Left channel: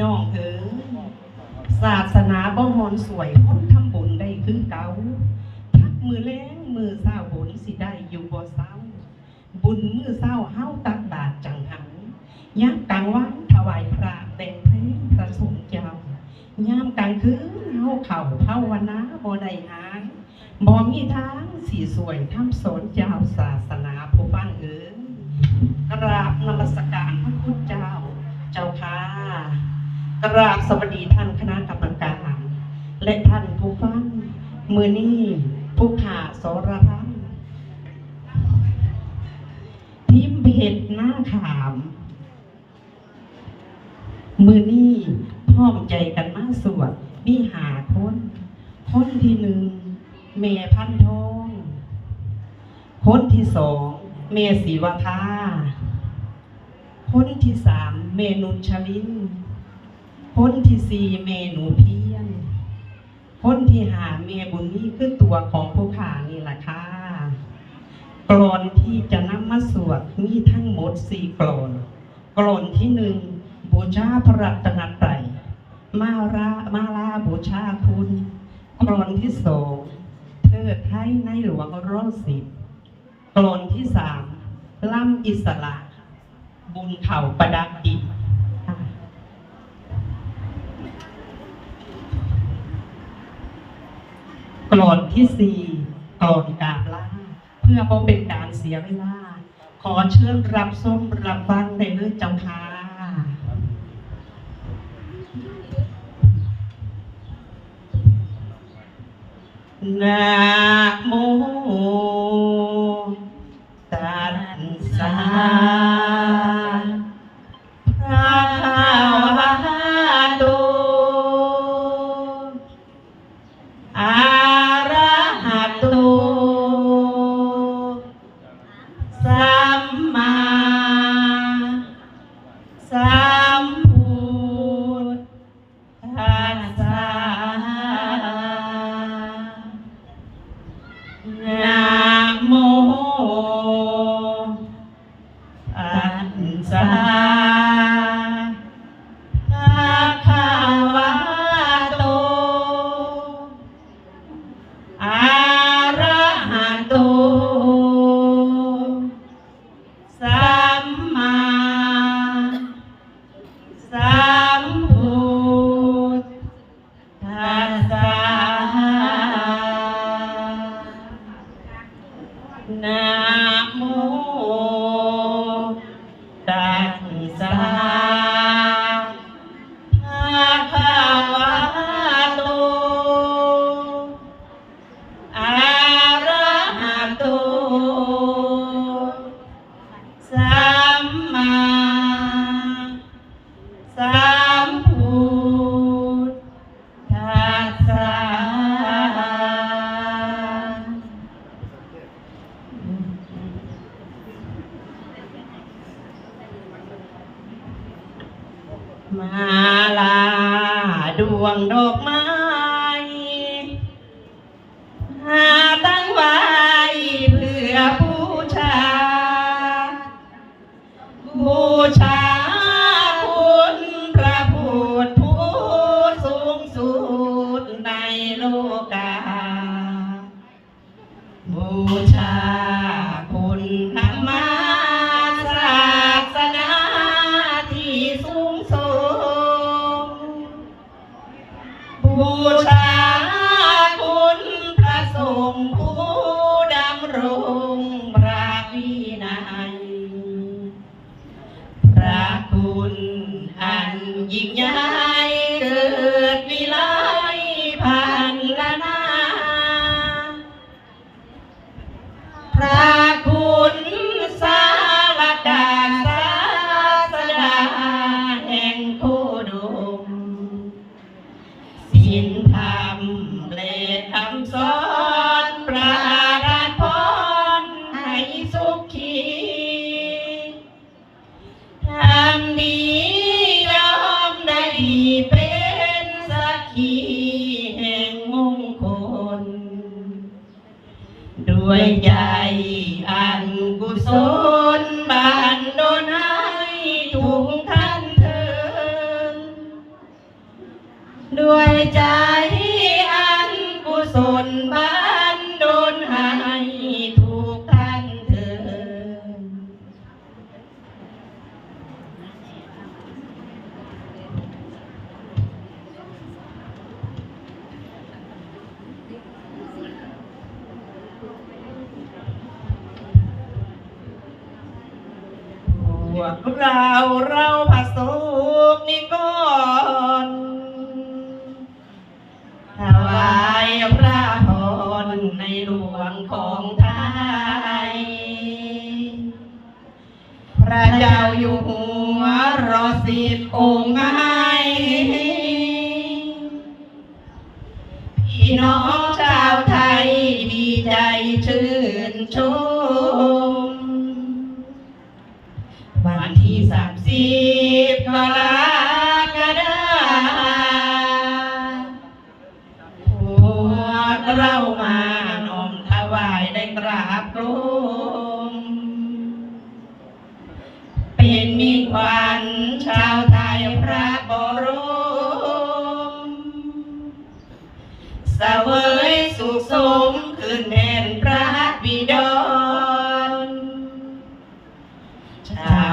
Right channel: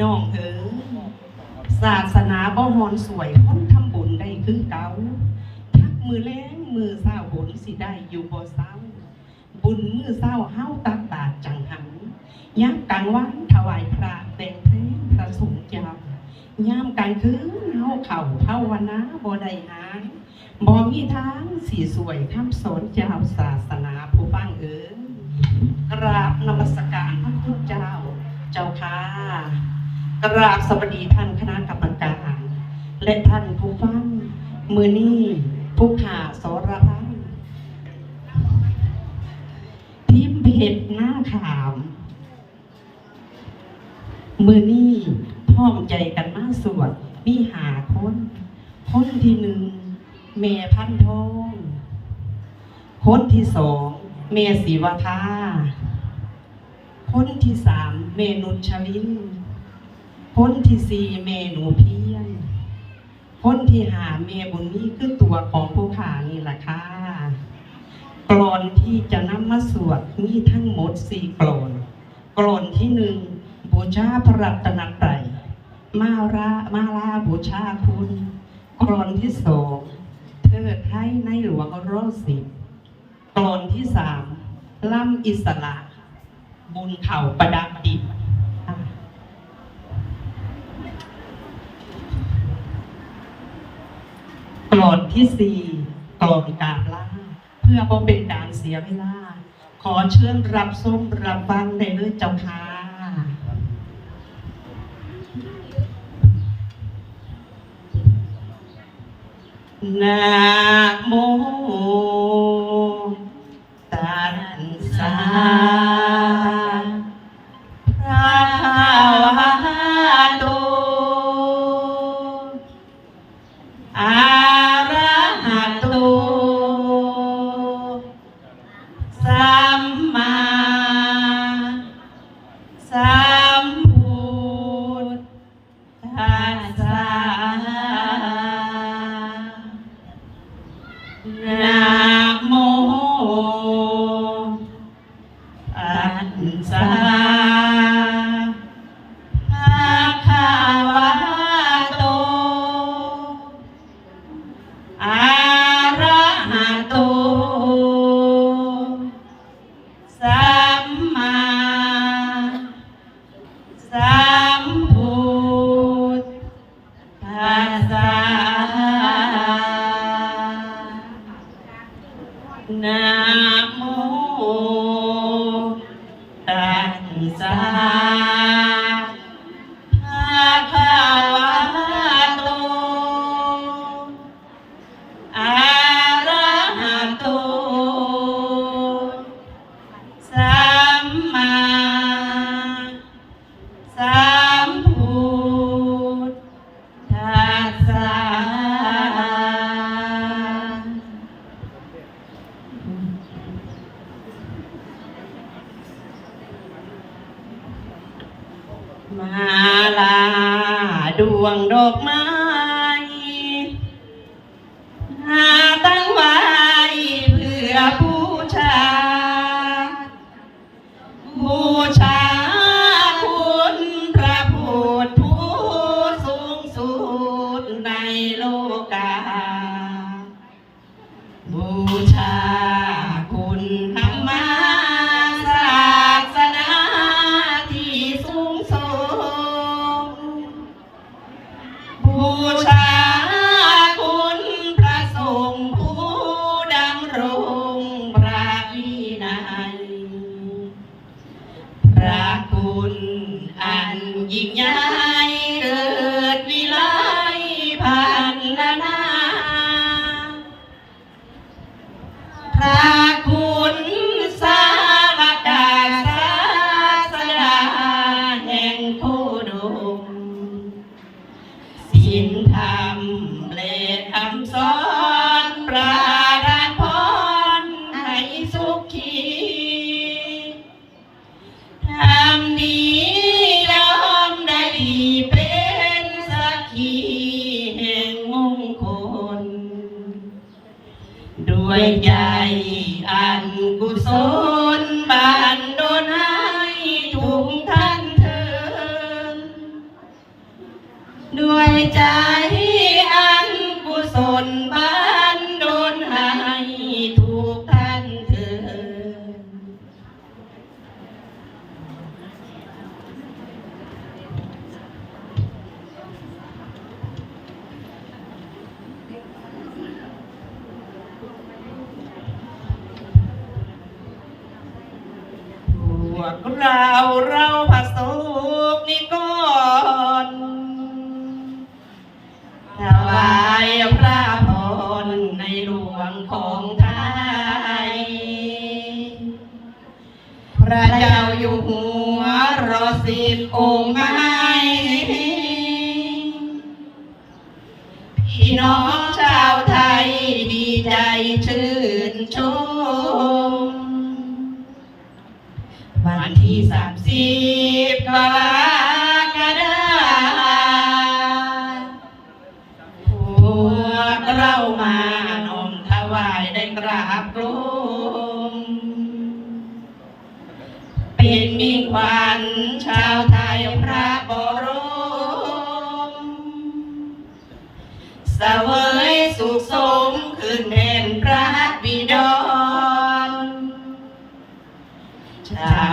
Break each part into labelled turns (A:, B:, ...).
A: น้องเอ๋ยศาสนาบ่ฮอนสวยคนทำบุญได้คือเก่าทักมือแรงมือเศร้าบุญสิได้อยู่บ่เศร้า บุญมือเศร้าเฮาตักบาตรจังหันยักกลางวันถวายพระแต่งเพลงพระสงฆ์เจ้ายามกลางคืนเฮาเข้าภาวนาบ่ได้หาบ่มีทางสีสวยทำ มือนี้ผู้ขาสรพันทิมเพชรหน้าขาม มือนี้พร้อมใจกันมาสวดมีหาคนคนที่หนึ่งเมพันทองคนที่สองเมศีวทาคนที่สามเมนุชลินคนที่สี่เมหนูเพีย คนที่หาเมบุญนี้คือตัวของผู้ขานี่แหละค่ะกรอนที่จะนำมาสวดมีทั้งหมดสี่กรอนกรอนที่หนึ่งบูชาพระรัตนตรัยมารามาลาบูชาคุณกรอนที่สองเทิดไทยในหลวงรอสิบกรอนที่สามล่ำอิสระ บุญเข่าประดับดิบค่ะ กรอนที่สี่ก่อนการล่าเพื่อบ่เป็นการเสียเวลา ขอเชิญรับส้มรับฟังในเรื่องเจ้าค่ะนะ น ดวงดอกไม้ เราเราผสมนิกรถวายพระพรในหลวงของไทย พระเจ้าอยู่หัวรอสิบองค์ไงพี่น้องชาวไทยดีใจชื่นชม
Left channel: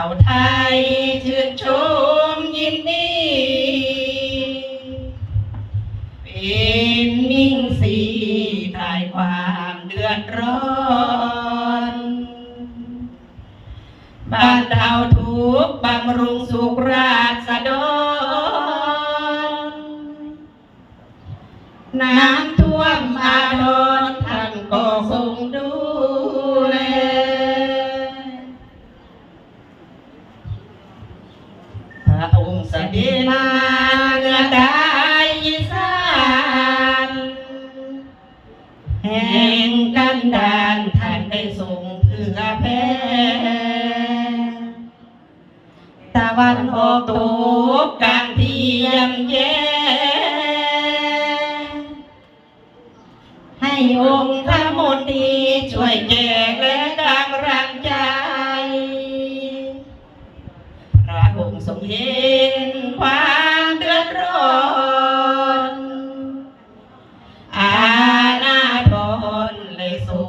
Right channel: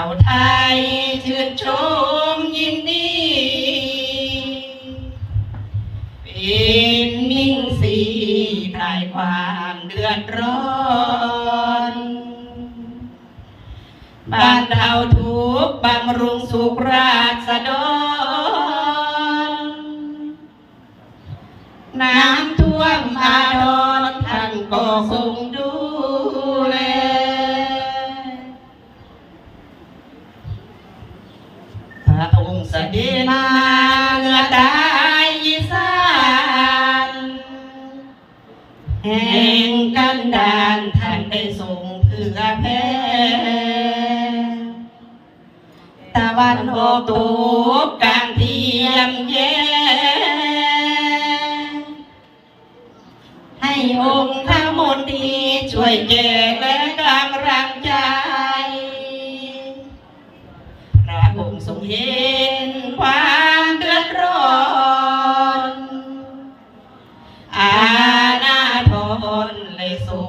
A: าไทยชื่นชมยินดีเป็นมิ่งสีคลายความเดือดร้อน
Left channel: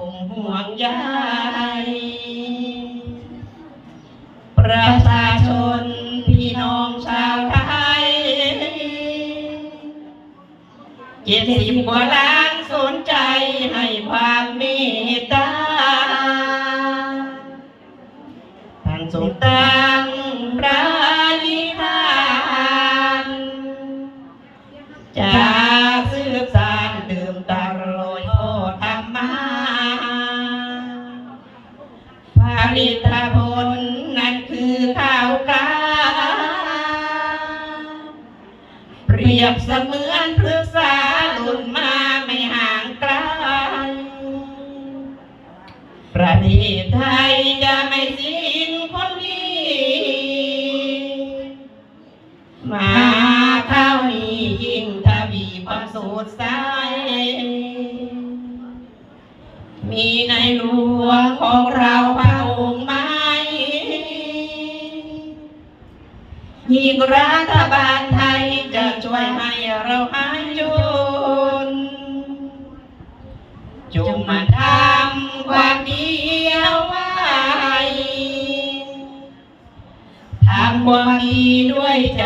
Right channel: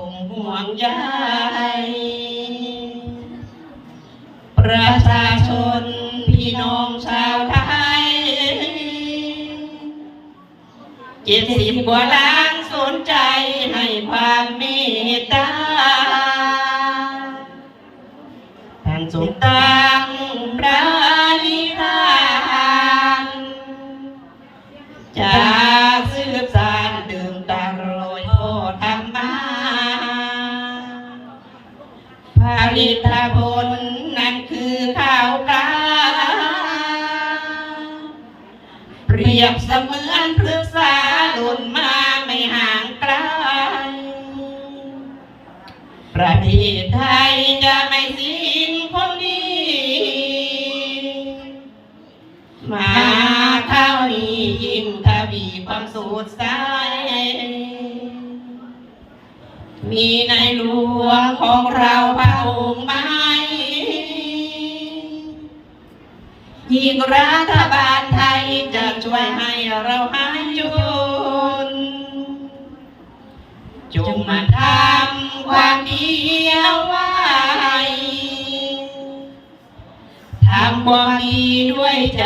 A: งห่วงใยประชาชนพี่น้องชาวไทยเจ็ดสิบกว่าลา ยบเสมือนพฤกษาลุนมาไม่ห่างไกลประเทศไทย มาทำความดีไว้ทำความดีด้วยใจ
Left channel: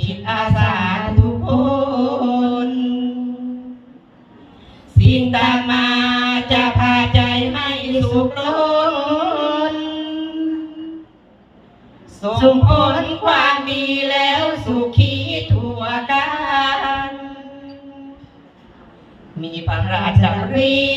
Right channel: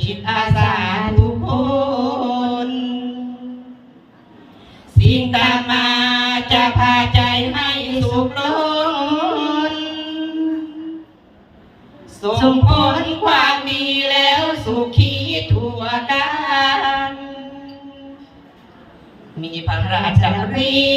A: จิตอาสาทุกคน สิ่งตางมาจะพาใจให้สุขล้นส่งผลความดีแล้วสุขีทั่กันมีพระราชารี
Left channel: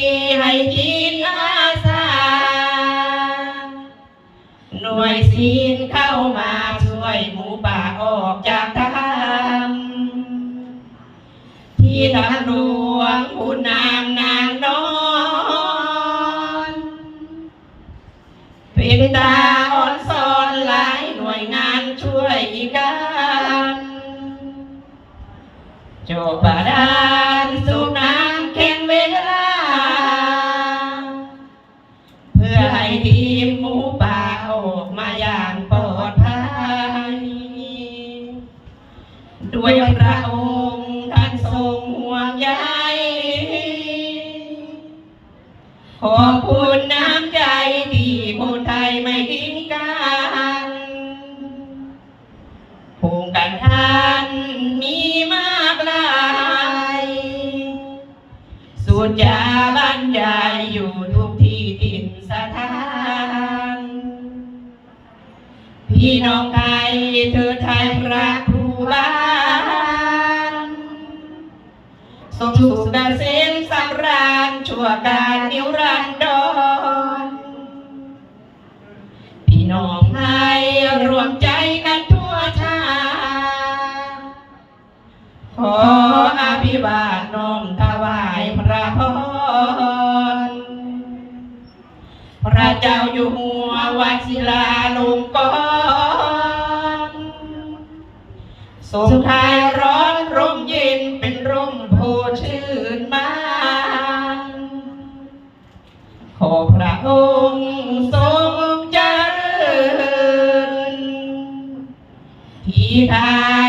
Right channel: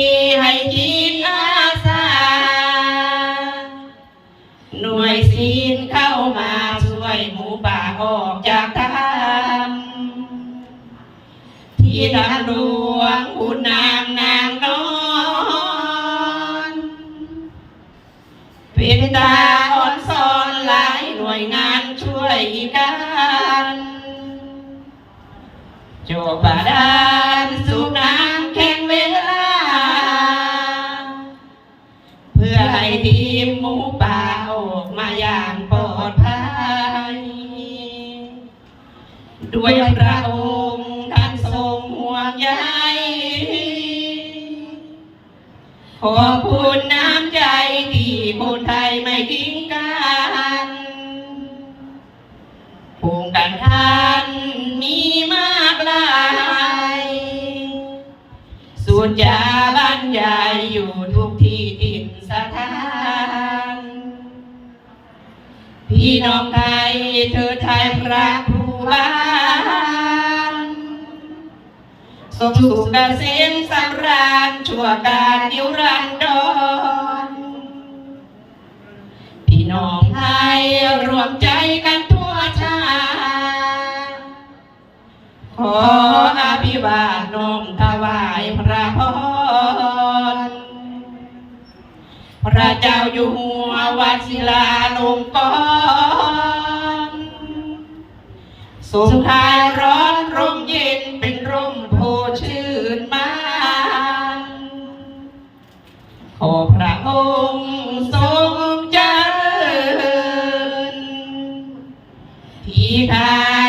A: dua yang berapa สมสุขเกษมสำราญชั่วการนิรันดรพี่น้องไทยรวมใจกันทั่วชาติขออภิวาทน้อมถวายพระพรพระเจ้าอยู่หัววชิลาลงกรณ์ทรงทาย ระองค์ทรงเจริญที่ทา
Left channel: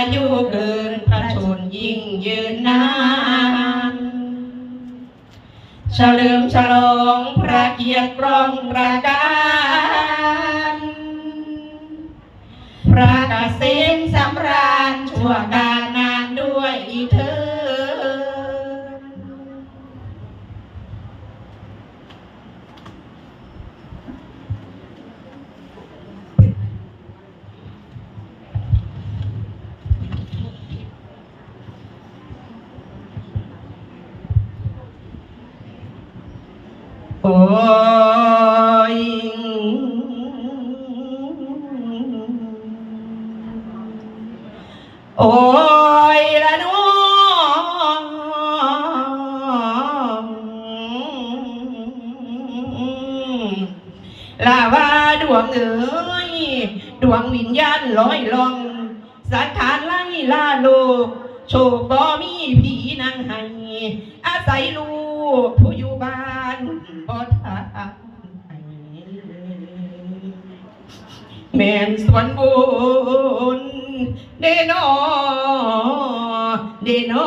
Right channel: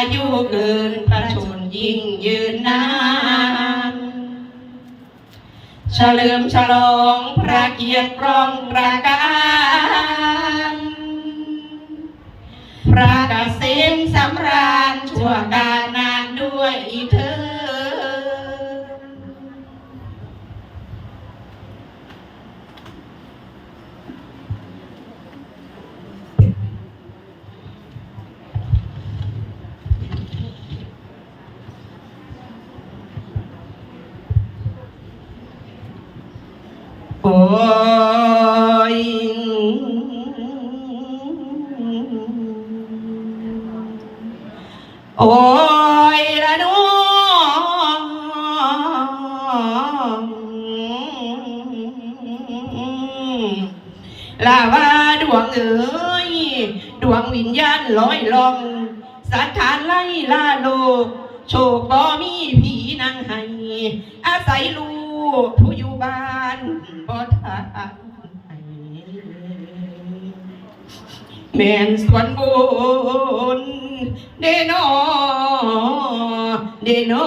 A: โอ้ยโอ้ยละน้องลาว่าดวงเอ๋ยดวงวิญญาณลอยลองสัทธานไล่ลาโลกโชคบ่มีผีนางให้อาศัยลู ผู้อยู่บ้านบ่ทานแม่นส่วนบุญเดนอเดนอ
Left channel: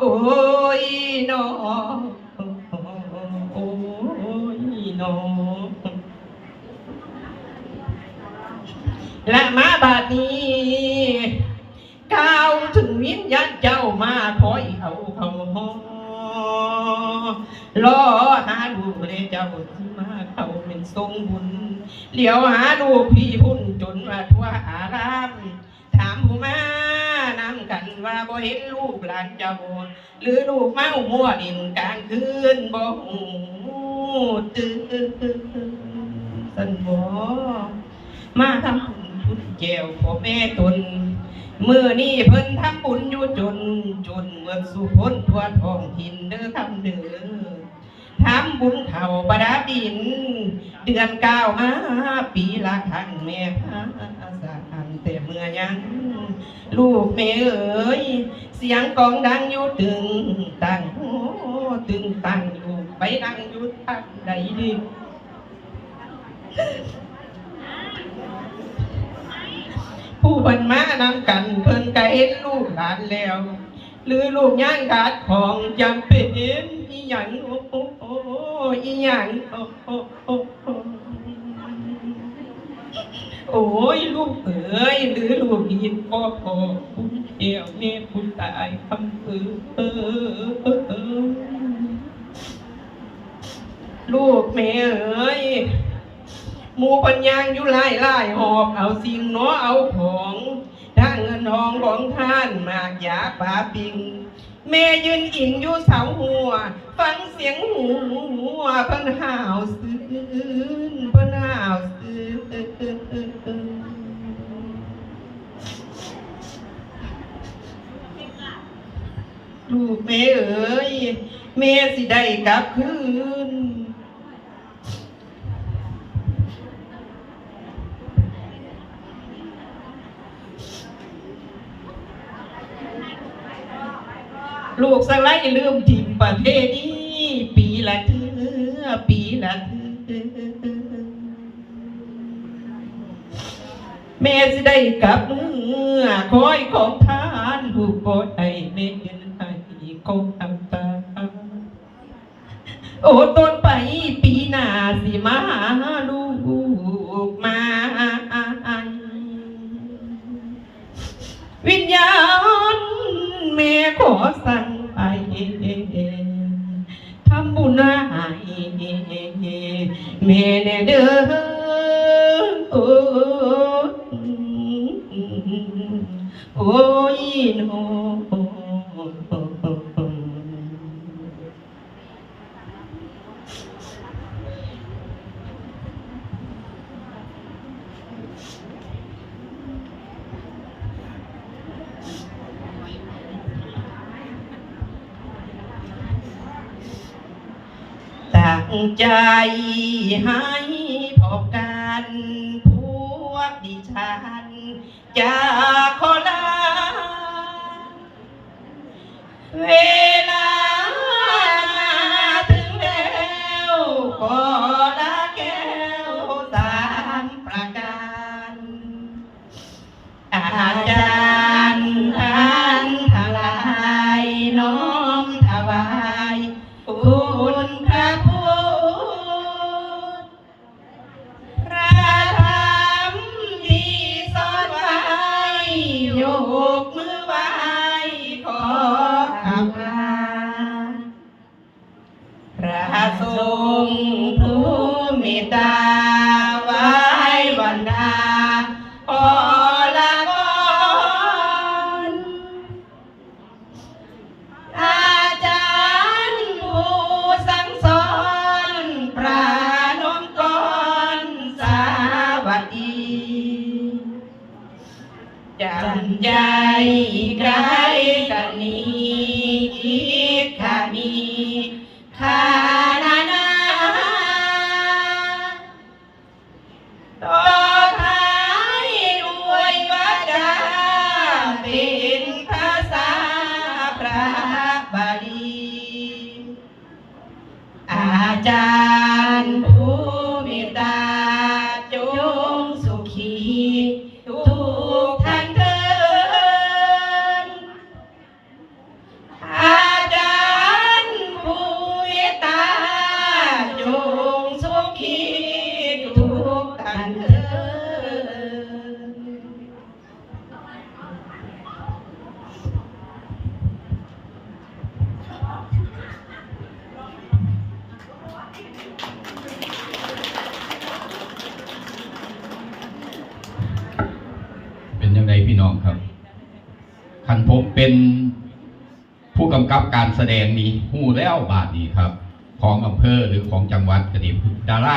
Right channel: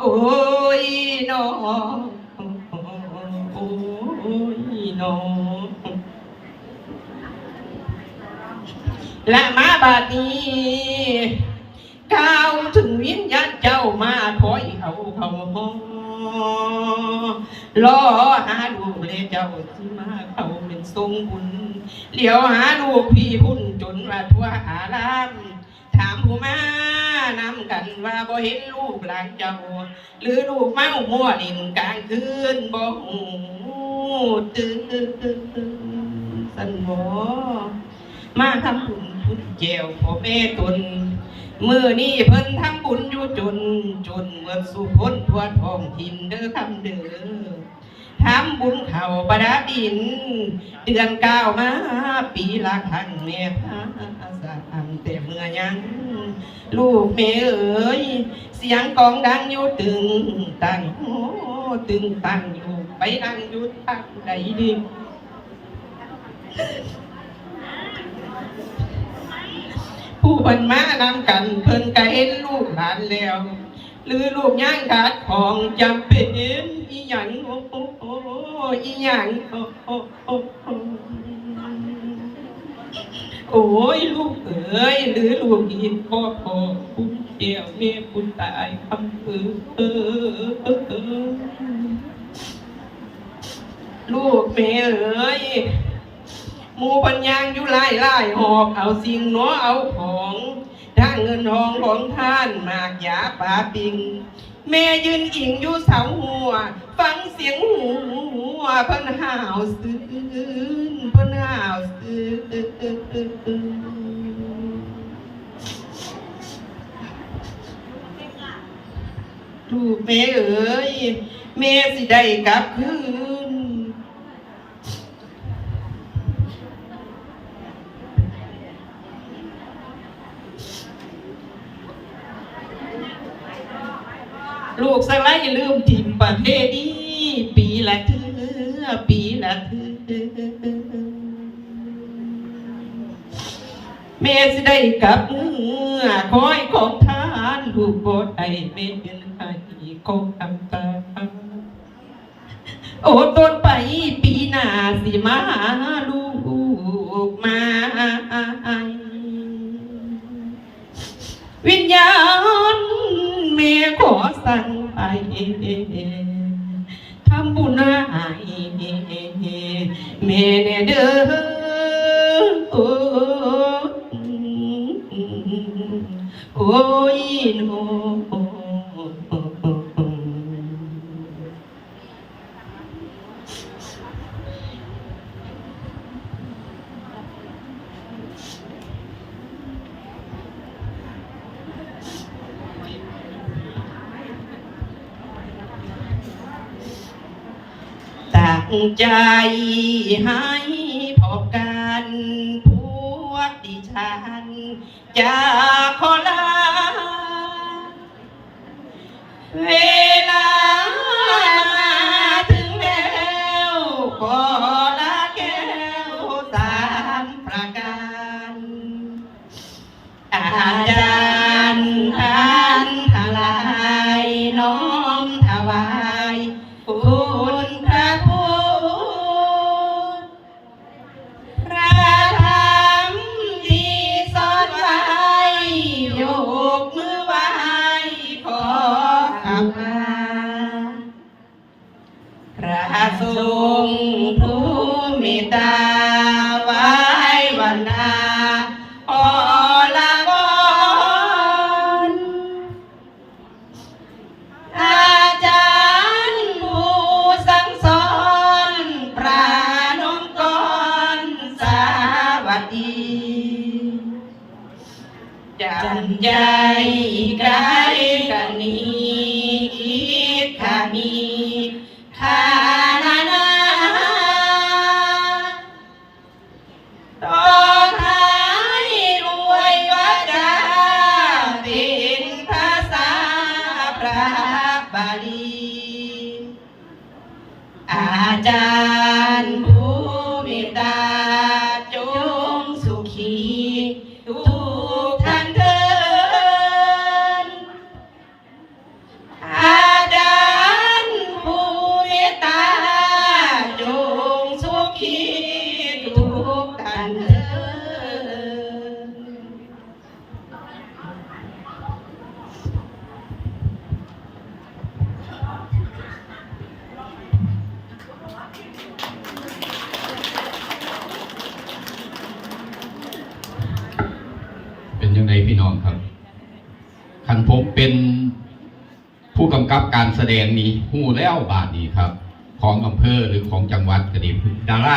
A: โอ้ยนอโอ้ยนอและมาบาดนี้ก้าวถึงวิญญาณเจ้ามาคอยเอาเขาห้อง รอหาลูกเลยเจ้าที่มาเขาเป็นทรงบุญเหลียวหาลูกพี่พุ่นจนว่าทั่วอาราม ถามผู้มานำกันว่าบ่เห็นลูกหลานเจ้า หรือลูกเมามั่วดินกลางคืนบ่หูตื่นสันบ่มาทำบุญพุญแจวพ่อแม่ตน มือนี้เพิ่นทำบุญอยู่จนจนเมื่อสุพ้นทั่วท้องถิ่นเด้อทำเด้อทำบุญเข่าประดับดิน เดือนเก้ามาปีละครั้งแม่พาสามแต่เมื่อยัง ลูกแม่เอ๋ยเสียงกองดังอยู่ตึงตังโอ้ตึงตังอยู่ไปนั่งอยู่ทางใดดี นมานำกันเพิ่นก็เห็นลูกหลานแล้วหรือลูกย่างขาดของจำเป็นอีหยังโอ้โอ้โอ้อีหยังโอ้โอ้โอ้โอ้ยลูกเอ๋ยหรือลูกหินพ่อพ่อคุณเกี่ยวแม่คุณตายคำปือเออเออลูกแม่เอ๋ยมูปัญญางอยู่ไล่ไล่หอบเอาสิ่งหนอเอาของ นทองของท่านมากยาปลาปิง แม่ยืนอิงอยู่เสาหัว ฟังเสียงหูหัวพันหาวซื่นพันหาวซื่นลูกแม่เอ๋ยแม่สิได้กลับคืน ลูกสไลด์ลืมทิมประเทศนี้ปีละเทือปีละเทือแม่สิได้กลับเมื่อคอยของทานลูกบ่ได้แม่ยืนให้คงทำตามโอ้ต้นไปปีหน้าสิมาหาลูกมาวิญญาณแม่ขอ ทำบุญให้แม่เด้อ ใจให้พบกันพวกดิฉันจะขอลาเว ใจากายตนีอิขา
B: มี แสดงนี้หูแล้วบาทนี้ครับ ของอำเภอหรือของจังหวัดก็ดีดารา